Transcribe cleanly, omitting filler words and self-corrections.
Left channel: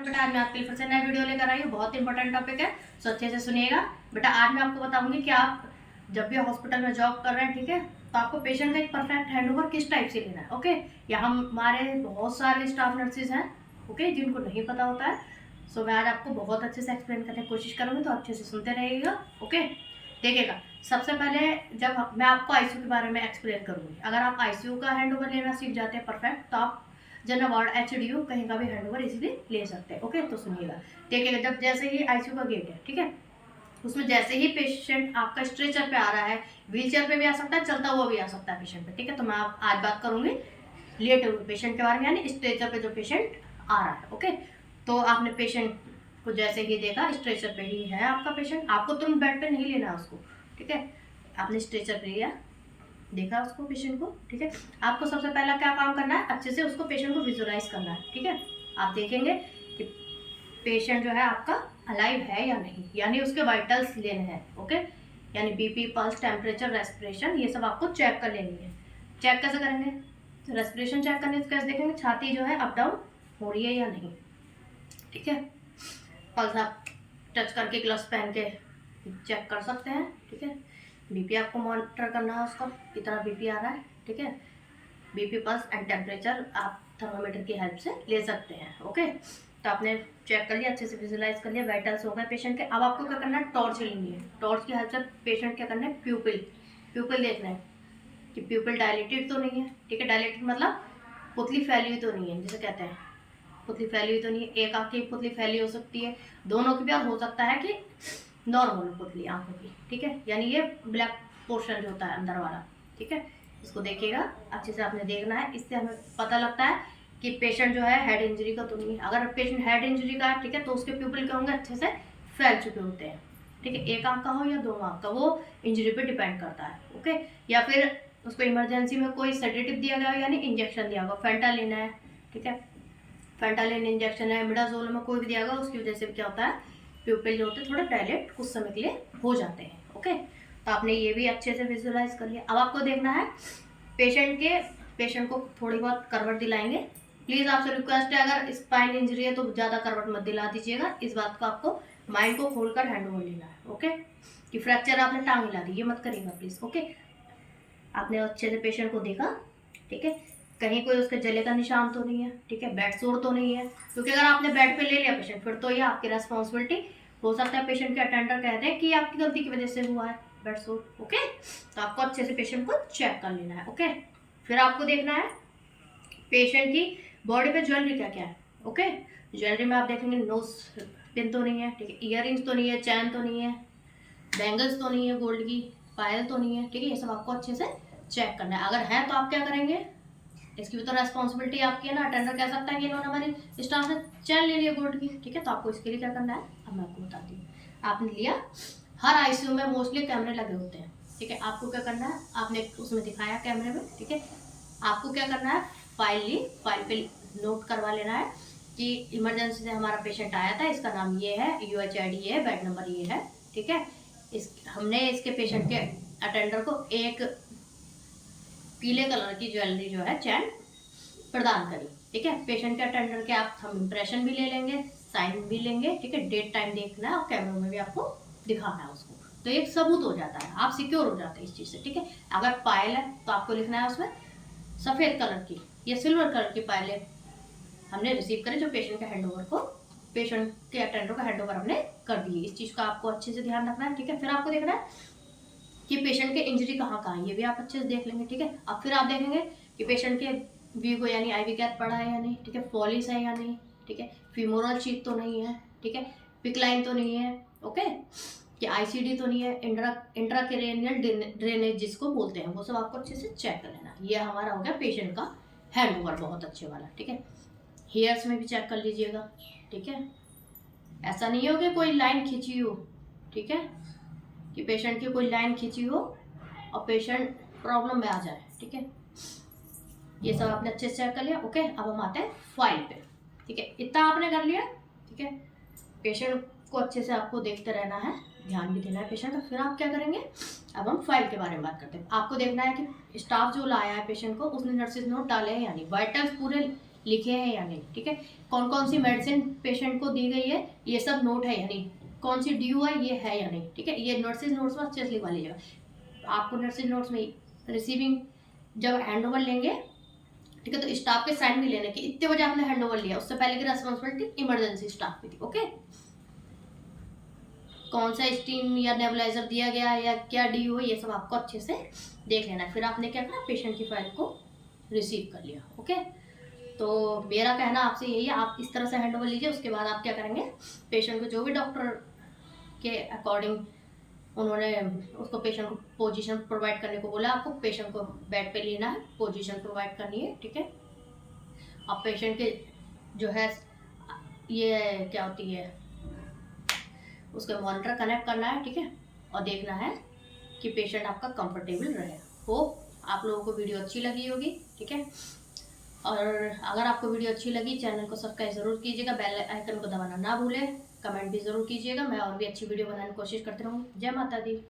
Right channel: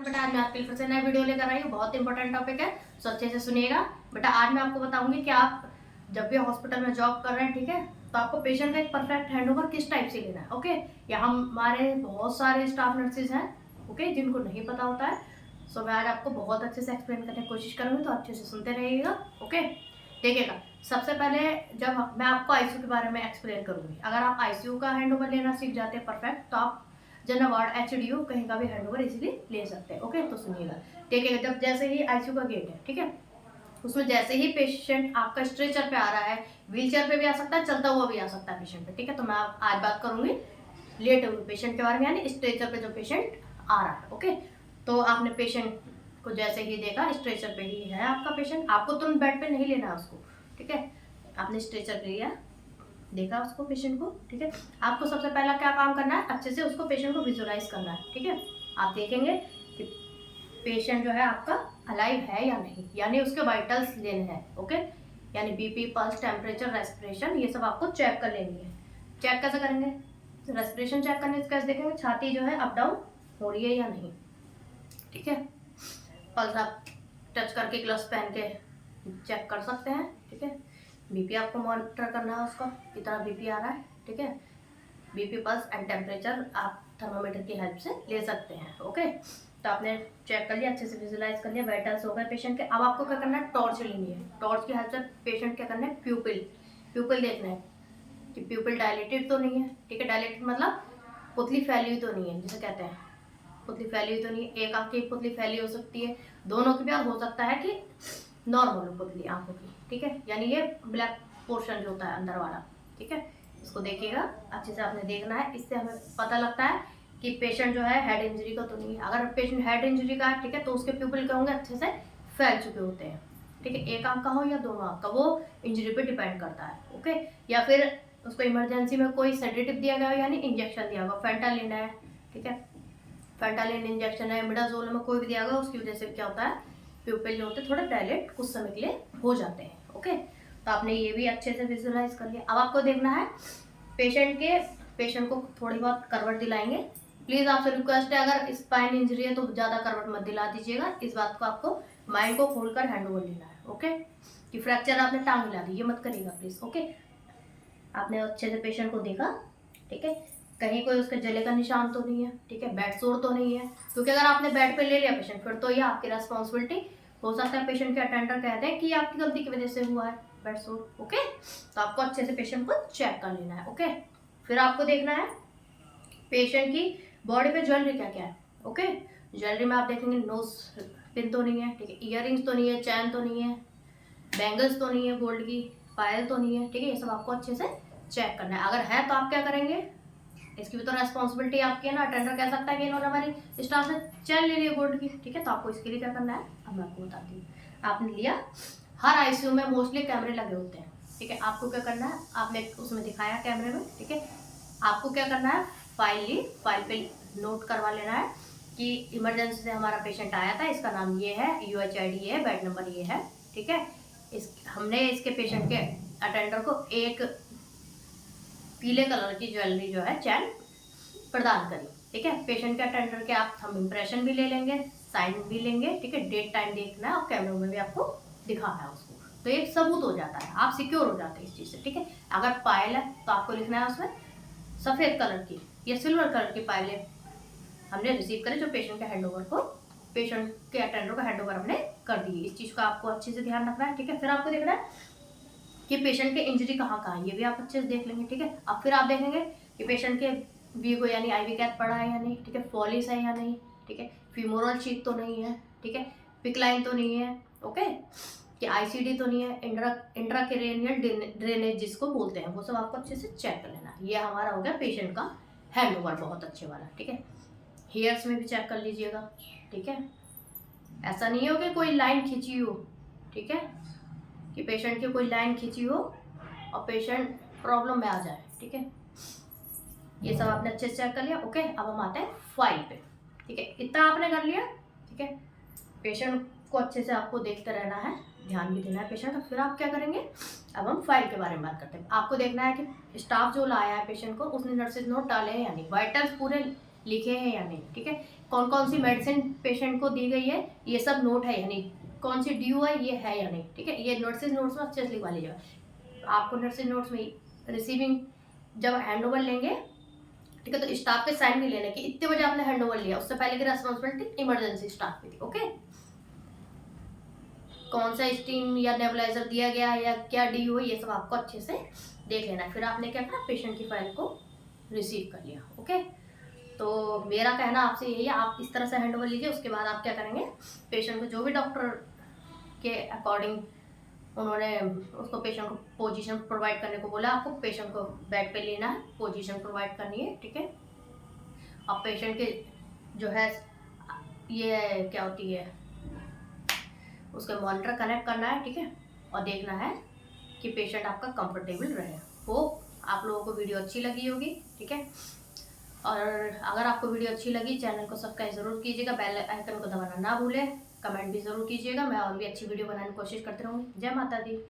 बेटा आज मैं आपके लिए फिर से नया वीडियो लेकर आई हूँ। बहुत इंपॉर्टेंट टॉपिक है, सो अच्छे से सुनिएगा। बेटा आज मैं आपको बताऊंगी कि आप जब भी हॉस्पिटल में जॉब कर रहे हैं, ठीक है, तो आपको पेशेंट का एक परफेक्ट हैंडओवर किस टाइप से लेना है। ओके, यहाँ हमारे बहुत सारे स्टाफ नर्सेज हैं, ओके, जिनको नहीं पता होता है। सो मैं आज आपको बहुत अच्छे से एक्सप्लेन करने की कोशिश करूँगी, तो अच्छे से सुनते रहिएगा। ओके, देखिएगा। सबसे पहले जब मैं आपको आईसीयू के बारे में एक्सप्लेन करूँगी, अगर आप आईसीयू का हैंडओवर लेना सीख जाते हैं परफेक्ट, तो आप जनरल वार्ड एचडीयू कहीं का भी हैंडओवर इजीली ले सकते हैं। ओके, तो सुनिएगा, देखिएगा। जब जैसे ही आईसीयू का गेट है, ठीक है, उसमें जैसे ही पेशेंट आपका स्ट्रेचर पे आ रहा है, व्हील चेयर पे भी आ सकता है, चलता हुआ भी आ सकता है पेशेंट पे, ठीक है। तो मैं आज बात करूंगी लेटे हुए पेशेंट के बारे में, यानी स्ट्रेचर पे जो पेशेंट आ रहा है। ओके, तो आपने पेशेंट को जैसे ही देखा स्ट्रेचर पे ही है आपका पेशेंट, आपको तुरंत बेड पे नहीं लेना है उसको, ठीक है। आपने स्ट्रेचर पे लिया, देखा उसको पेशेंट को, ठीक है। आपको सबसे पहला क्या काम करना है, अच्छे से उसको पेशेंट को विजुलाइज करना है, ठीक है। आप देखेंगे कि पेशेंट जो है आपका अलाइव है या नहीं, यानी उसके वाइटल्स लेने हैं। ओके, यानी बीपी, पल्स, टेम्परेचर, रेस्पिरेशन, ये सब आपको चेक कर लेनी है। चेक कैसे करेंगे, रेस्पिरेशन चेक करने से कैसे देखेंगे, छाती जो है अप डाउन हो रही है या नहीं, ठीक है। पल्स आप टच करके, ग्लव्स पहन के चेक कर सकते हैं, ठीक है। बीपी आपको मॉनिटर करना है, उसका कितना बीपी आ रहा है, ठीक है। बीपी, पल्स एंड टेम्परेचर आप थर्मामीटर की हेल्प से ले सकते हैं। ओके, तो आपने चेक कर लिया, अच्छे से विजुलाइज कर लिया, वाइटल्स हो गए पेशेंट के। अब आपको क्या करना है, टॉर्च लेनी है। टॉर्च की हेल्प से पेशेंट क्या करना है, प्यूपिल देखना है कि प्यूपिल डायलेटेड तो नहीं है, ठीक है। डायलेटेड मतलब पुतली फैली हुई तो नहीं है, जिसे कहते हैं पुतली फैली हुई तो नहीं है। एक आँख की पुतली फैली हो सकती है, दोनों की भी, और हो सकता है कि नॉर्मल पुतली आंखों की, ठीक है। यानी ये ब्लैक पोर्शन जो होता है अंदर वाला, ठीक है, इसको देखिएगा, अच्छे से आपने देखना है। इससे हमें पता लगता है कि पेशेंट जो है हेड इंजरी का तो नहीं है। अगर पेशेंट हेड इंजरी का है, ठीक है, तो उसके प्यूपिल क्या होंगे, अच्छे से फैल चुके होते हैं, ठीक है। एक आंख का हो या दोनों आंख का, वो इंजरी पे डिपेंड करता है। ओके, या फिर उसको इमरजेंसी में कोई सेडेटिव दिया गया हो, यानी इंजेक्शन दिया गया, फेंटालिन है, ठीक है, फेंटालिन इंजेक्शन है, मिडाजोल में कोई भी दिया गया, उसकी वजह से क्या होता है, प्यूपिल जो होते हैं थोड़े डायलेट कुछ समय के लिए हो जाते हैं। ओके, तो आपने ये भी अच्छे से विजुलाइज कर लिया। अब आपको देखना है पेशेंट को थोड़ी बहुत करवट दिलाएंगे। प्लीज़ आपसे रिक्वेस्ट है, अगर स्पाइन इंजरी है तो ज़्यादा करवट मत दिला दीजिएगा। इस बात को आपको माइंड को खोलकर हैंडओवर लेना है। ओके, कि फ्रैक्चर आपने टांग हिला दी, ये मत करिएगा प्लीज़। ओके, आपने अच्छे से पेशेंट को देखा, ठीक है, कहीं कोई उसके जले का निशान तो नहीं है, ठीक है, बेड सोर तो नहीं है, क्योंकि अगर आपने बेड पे ले लिया पेशेंट, फिर तो ये आपकी रेस्पॉन्सिबिलिटी। हो सकता है पेशेंट के अटेंडर कहते हैं कि आपकी गलती की वजह से हुआ है बेड सोर। ओके, तो आपको अच्छे से पेशेंट को चेक कर लेना है। ओके, फिर आपको देखना है पेशेंट की बॉडी पे ज्वेलरी क्या क्या है। ओके, ज्वेलरी में आप देखेंगे नोज पिन तो नहीं है, ठीक है, ईयरिंग्स तो नहीं है, चैन तो नहीं है, बैंगल्स तो नहीं है, गोल्ड की पायल तो नहीं है, ठीक है। ये सब आपको अच्छे से चेक करना है। अगर है तो आप क्या करेंगे, इसकी भी तो रेस्पॉन्सिबिलिटी आपकी है ना। अटेंडर कह सकता है कि इन्होंने हमारी स्टाफ से चैन ले लिया गोल्ड की, ठीक है, तो आपको इसके लिए क्या करना है, अब मैं आपको बताती हूँ। आपने लिया, हर आईसीयू में मोस्टली कैमरे लगे होते हैं, ठीक है। आपको क्या करना है, आपने उसमें दिखाया कैमरे में, ठीक है, आपको क्या करना है, फाइल ली, फाइल पे नोट करवा लेना है कि इमरजेंसी से हमारा पेशेंट आया था, इसका नाम ये है, UHID ये है, बेड नंबर ये है, ठीक है। हमने इसके पेशेंट के अटेंडर को एक पीले कलर की ज्वेलरी जो है चैन प्रदान करी, ठीक है। पेशेंट के अटेंडर के आप हम इम्प्रेशन भी ले लेंगे, साइन भी लेंगे, ठीक है, डेट टाइम देखना है और कैमरे में भी आपको दिखाना है उसको, तो एक सबूत हो जाता है, आप सिक्योर हो जाते हैं इस चीज़ से, ठीक है। अगर पायल है तो आपको लिखना है उसमें सफ़ेद कलर की या सिल्वर कलर की पायलें हमने रिसीव करी, जो पेशेंट के हैंडओवर को, पेशेंट के अटेंडर को हैंडओवर हमने कर दी। इस चीज़ का आपको अच्छे से ध्यान रखना है, ठीक है। फिर आपको देखना है कि पेशेंट के इंजरी कहाँ कहाँ है, ये भी आप अच्छे से देख लेंगे, ठीक है। अब फिर आप देखेंगे कि पेशेंट के वीगो यानी आईवी कैप पड़ा है या नहीं, ठीक है, फॉलिस है या नहीं, ठीक है, फीमोरल शीथ तो नहीं है, ठीक है, पिकलाइन तो नहीं है, ओके, कि ICD तो नहीं है, इंट्राक्रेनियल ड्रेनेज जिसको बोलते हैं, वो सब आपको अच्छे से चेक कर लेना। ये हमारा हो गया पेशेंट का हैंडओवर, बहुत अच्छे वाला, ठीक है। हेयर्स में भी चेक कर लीजिएगा, ठीक है, ऐसा नहीं हो कि कोई लाइन खींची हो, ठीक है, कि पेशेंट की कोई लाइन खींची हो और पेशेंट प्रॉब्लम में आ जाए, ठीक है। ये सब आपने अच्छे से चेक कर लिया। ओके, अब हम आते हैं फाइल पे, ठीक है, इतना आपने कर लिया, ठीक है। पेशेंट को अच्छे से आपको देखते रहना है, ध्यान भी देना है पेशेंट का। फिर आप क्या करेंगे, अब हम फाइल के बारे में बात करते हैं। आपको देखना है कि स्टाफ जो लाया है पेशेंट को, उसने नर्सिस नोट डाले हैं यानी वाइटल्स पूरे लिखे हैं या नहीं, ठीक है। कौन कौन सी मेडिसिन पेशेंट को दी गई है ये सब नोट है या नहीं, कौन सी ड्यू है ये है या नहीं, ठीक है। ये नर्सिस नोट्स में अच्छे से लिखवा लीजिएगा। आपको नर्सिस नोट्स में रिसीविंग जब हैंड ओवर लेंगे, ठीक है, तो स्टाफ के साइन भी लेने की इतने बजे आपने हैंड ओवर लिया, उससे पहले की रेस्पॉन्सिबिलिटी इमरजेंसी स्टाफ की थी, ओके। कौन सा स्टीम या नेबुलाइजर दिया गया है या क्या ड्यू है, ये सब आपको अच्छे से देख लेना है। फिर आपने क्या करा, पेशेंट की फाइल को रिसीव कर लिया, ओके। तो मेरा कहना आपसे यही है, आप इस तरह से हैंड ओवर लीजिए। उसके बाद आप क्या करेंगे, पेशेंट को जो भी डॉक्टर के अकॉर्डिंग उन्होंने उसको पेशेंट को पोजीशन प्रोवाइड करने को बोला, आपको पेशेंट को बेड पे लेना है, पोजीशन प्रोवाइड करनी है, ठीक है। अब पेशेंट के जो है ये क्या होती है, उसको मॉनिटर कनेक्ट करना है, ठीक है, और देखना है कि पेशेंट आपका कंफर्टेबल रहे। वो आप लोगों को वीडियो अच्छी लगी होगी, ठीक है। और अगर आपको वीडियो अच्छी लगी, चैनल को सब्सक्राइब ज़रूर कीजिएगा, बेल आइकन को दबाना ना भूलें, कमेंट भी ज़रूर कीजिएगा। मैं और भी अच्छी वीडियो बनाने की कोशिश करती रहूँगी। जय माता दी।